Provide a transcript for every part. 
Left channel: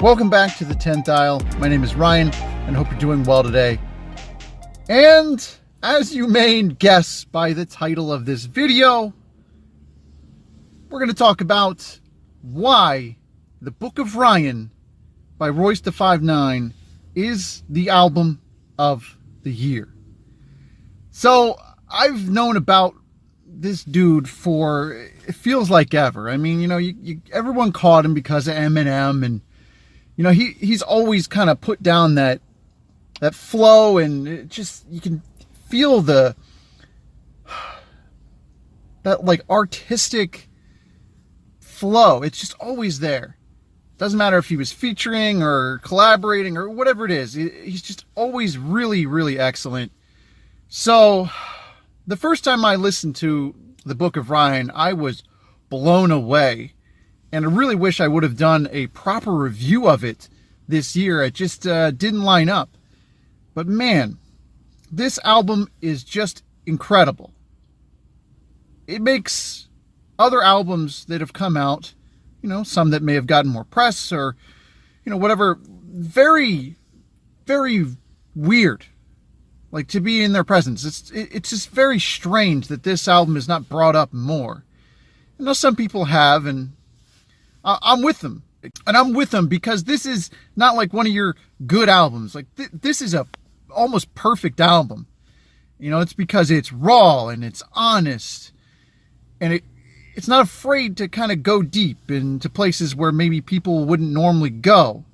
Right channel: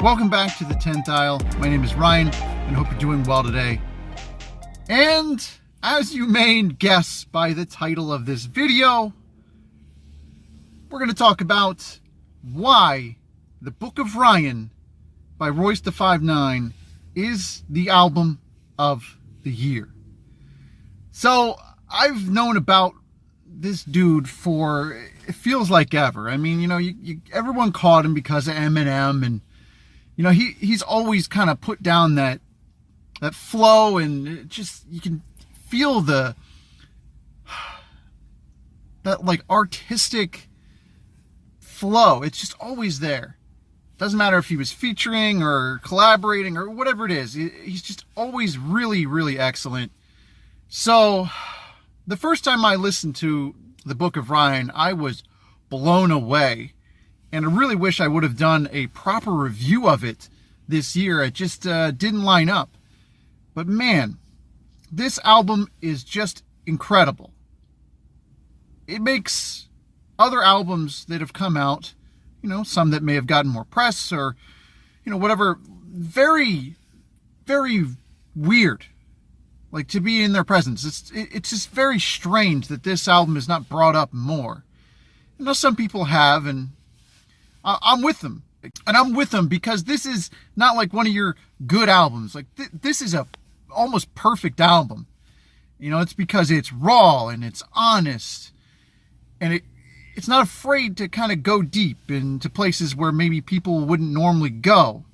Welcome back to the 10th Aisle. My name is Ryan and hope you're doing well today. And as you may guess by the title of this video, we're going to talk about why the Book of Ryan by Royce da 5'9" is the album of the year. So I've known about this dude for, it feels like ever. I mean, everyone caught him because of Eminem, and he's always kind of put down that flow, and it just, you can feel that like artistic flow. It's just always there. Doesn't matter if he was featuring or collaborating or whatever it is. He's just always really, really excellent. So the first time I listened to the Book of Ryan, I was blown away. And I really wish I would have done a proper review of it this year. It just didn't line up. But man, this album is just incredible. It makes other albums that have come out, some that may have gotten more press or, whatever, very, very weird. Like, to be in their presence. It's just very strange that this album is not brought up more. I know some people have, and I'm with them. And I'm with them because this is not like one of your good albums. Like, this is a almost perfect album. It's because it's raw and it's honest. And it's not afraid to kind of go deep into places where maybe people wouldn't normally go.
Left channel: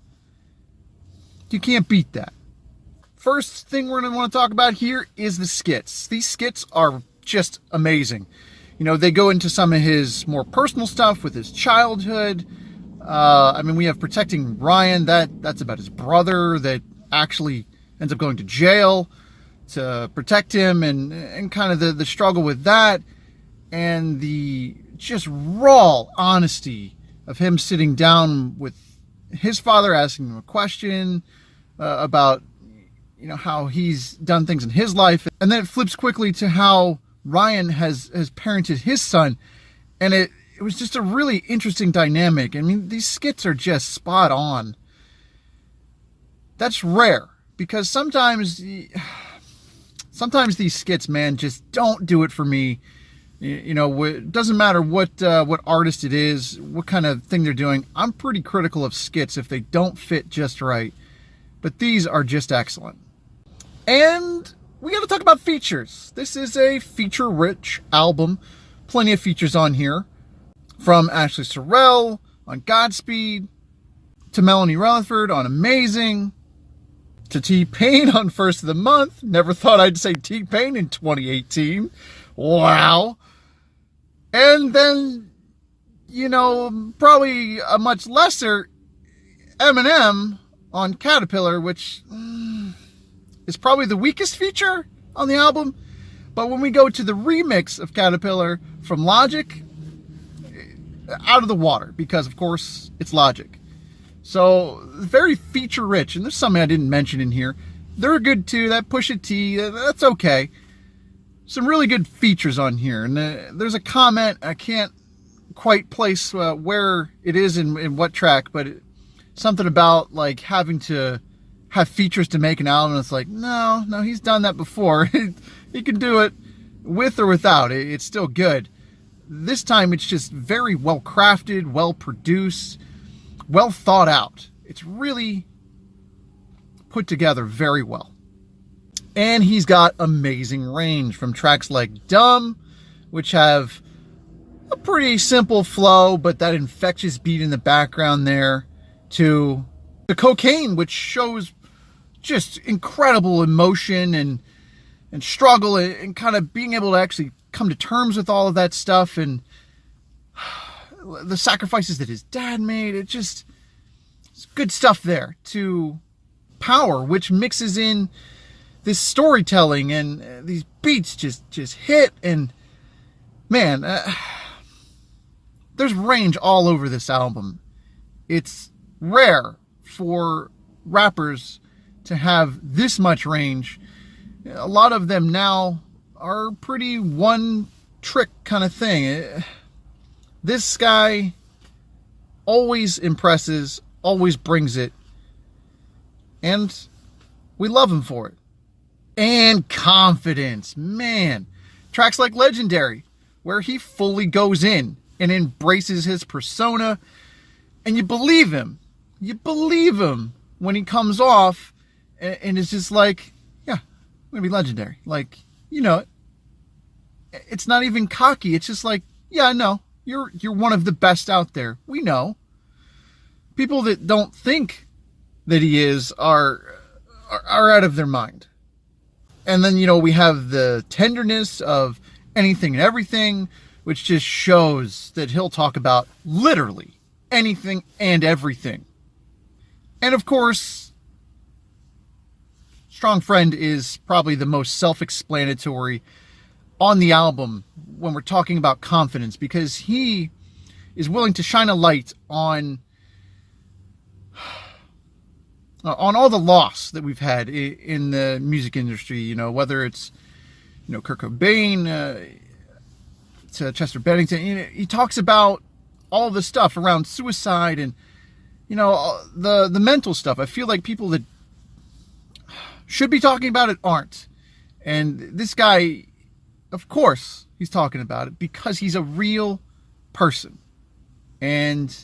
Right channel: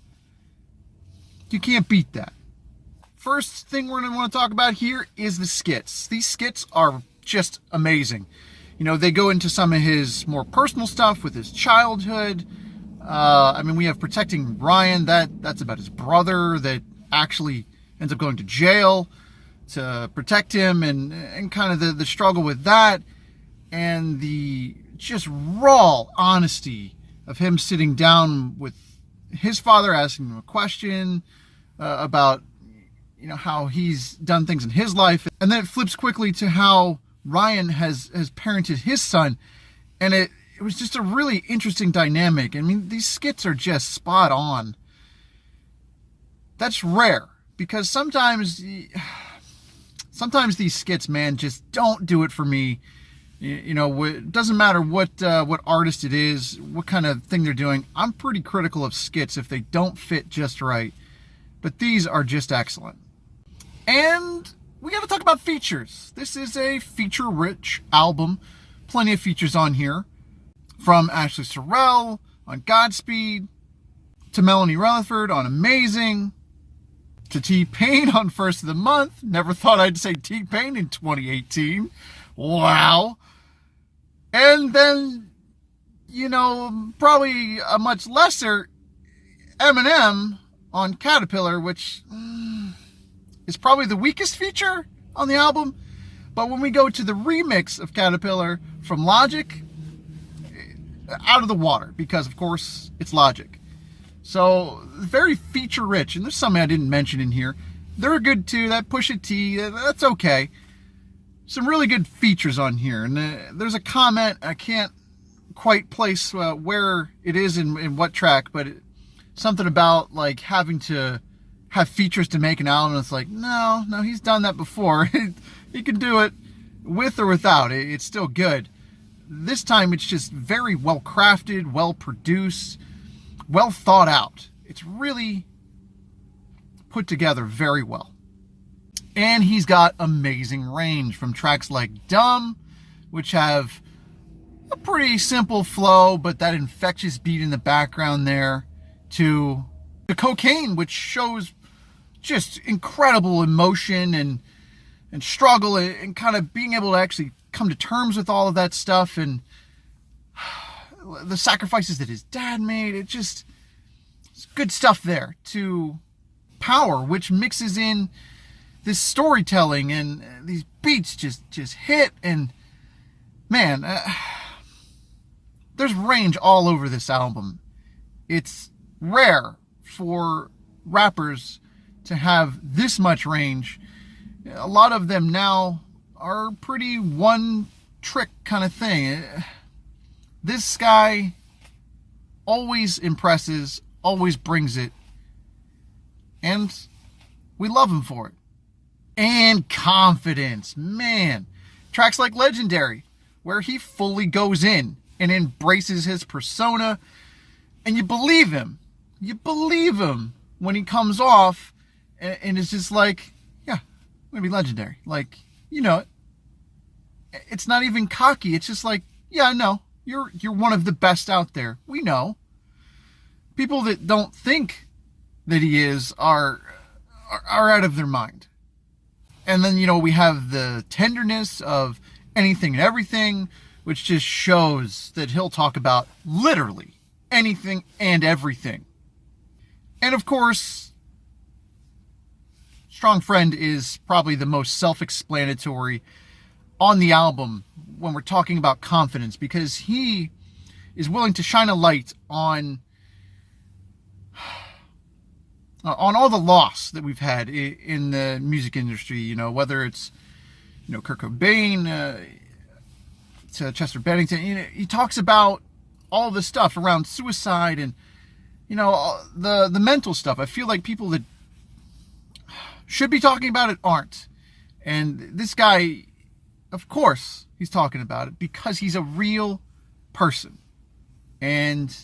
You can't beat that. First thing we're going to want to talk about here is the skits. These skits are just amazing. They go into some of his more personal stuff with his childhood. We have Protecting Ryan. That's about his brother that actually ends up going to jail to protect him, and kind of the struggle with that, and the just raw honesty of him sitting down with his father, asking him a question about how he's done things in his life. And then it flips quickly to how Ryan has parented his son. And it was just a really interesting dynamic. I mean, these skits are just spot on. That's rare, because sometimes these skits, man, just don't do it for me. It doesn't matter what artist it is, what kind of thing they're doing. I'm pretty critical of skits if they don't fit just right. But these are just excellent. And we got to talk about features. This is a feature-rich album. Plenty of features on here. From Ashley Sorrell on Godspeed, to Melanie Rutherford on Amazing, to T-Pain on First of the Month. Never thought I'd say T-Pain in 2018. Wow. And then, probably a much lesser Eminem on Caterpillar, which is probably the weakest feature on the album. But when we go to the remix of Caterpillar from Logic, out of the water, because of course it's Logic. So very feature rich, and there's something I didn't mention in here. They're good too. That Pusha T, that's okay. Some really good features on here, and there's a comment I can't quite place where it is in what track, but something about like having to have features to make an album. It's like, no, he's done that before. He can do it with or without. It's still good. This time it's just very well crafted, well produced, well thought out. It's really put together very well. And he's got amazing range, from tracks like Dumb, which have a pretty simple flow, but that infectious beat in the background there, to the Cocaine, which shows just incredible emotion and struggle, and kind of being able to actually come to terms with all of that stuff, and the sacrifices that his dad made. It's good stuff there. To Power, which mixes in this storytelling, and these beats just hit, and man, there's range all over this album. It's rare for rappers to have this much range. A lot of them now are pretty one trick kind of thing. This guy always impresses, always brings it. And we love him for it. And Confidence. Man, tracks like Legendary, where he fully goes in and embraces his persona. And you believe him. You believe him when he comes off and it's just like, yeah, I'm going to be legendary. Like, you know it. It's not even cocky. It's just like, yeah, no, you're one of the best out there. We know. People that don't think that he is are out of their mind. And then, you know, we have the tenderness of Anything and Everything, which just shows that he'll talk about literally anything and everything. And of course, Strong Friend is probably the most self-explanatory on the album when we're talking about Confidence, because he is willing to shine a light on all the loss that we've had in the music industry, you know, whether it's, you know, Kurt Cobain to Chester Bennington. You know, he talks about all the stuff around suicide and, you know, the mental stuff. I feel like people that should be talking about it aren't. And this guy, of course, he's talking about it because he's a real person. And,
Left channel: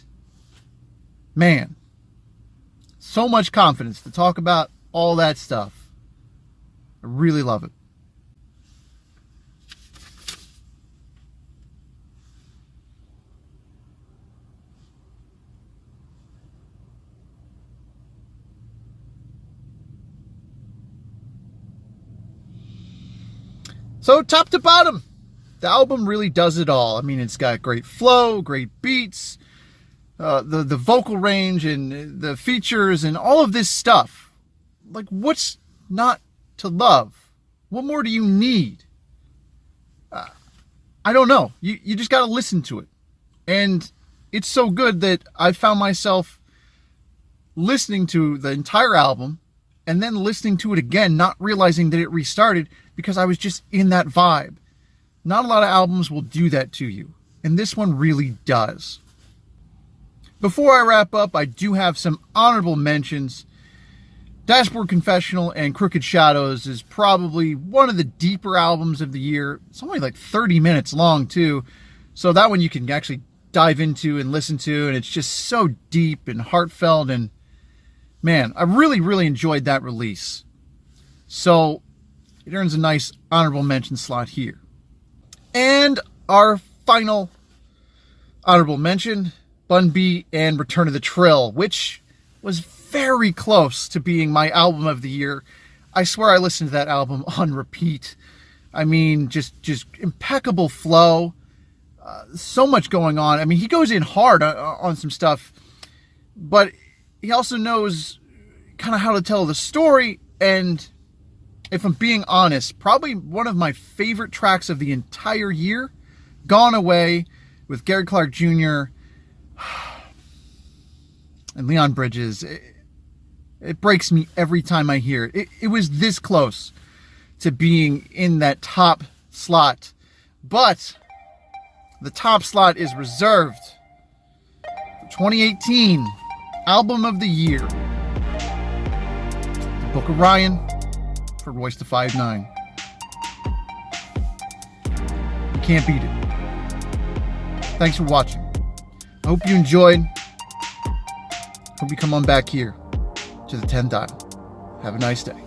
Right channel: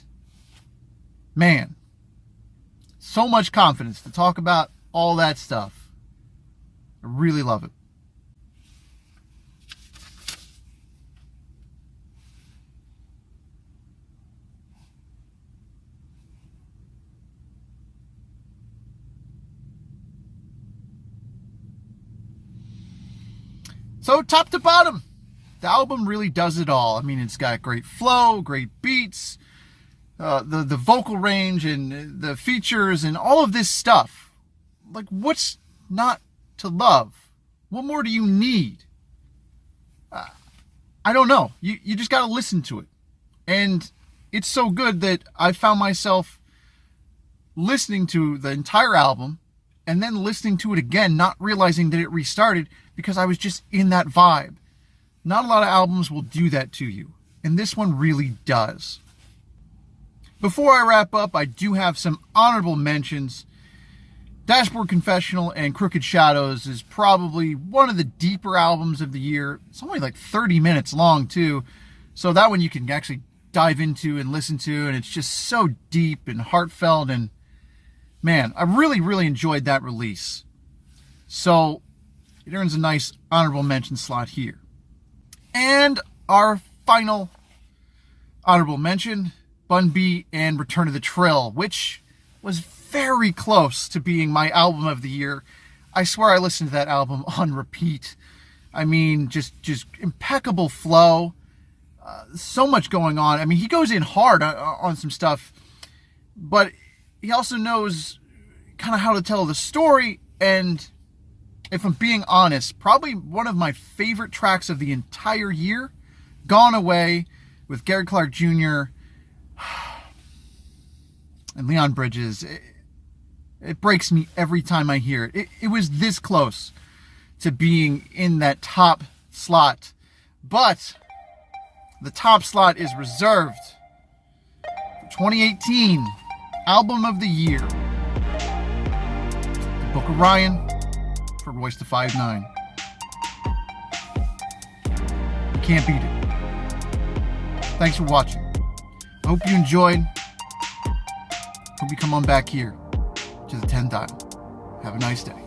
man, so much confidence to talk about all that stuff. I really love it. So top to bottom, the album really does it all. I mean, it's got great flow, great beats, the vocal range and the features and all of this stuff. Like, what's not to love? What more do you need? I don't know. You just got to listen to it. And it's so good that I found myself listening to the entire album and then listening to it again, not realizing that it restarted because I was just in that vibe. Not a lot of albums will do that to you, and this one really does. Before I wrap up, I do have some honorable mentions. Dashboard Confessional and Crooked Shadows is probably one of the deeper albums of the year. It's only like 30 minutes long, too, so that one you can actually dive into and listen to, and it's just so deep and heartfelt, and man, I really, really enjoyed that release. So it earns a nice honorable mention slot here. And our final honorable mention, Bun B and Return of the Trill, which was very close to being my album of the year. I swear I listened to that album on repeat. I mean, just impeccable flow. So much going on. I mean, he goes in hard on some stuff, but he also knows kind of how to tell the story. And if I'm being honest, probably one of my favorite tracks of the entire year, Gone Away with Gary Clark Jr. and Leon Bridges. It breaks me every time I hear it. It was this close to being in that top slot, but the top slot is reserved for 2018 Album of the Year, The Book of Ryan for Royce da 5'9". You can't beat it. Thanks for watching. I hope you enjoyed. Hope you come on back here to the 10 dial. Have a nice day.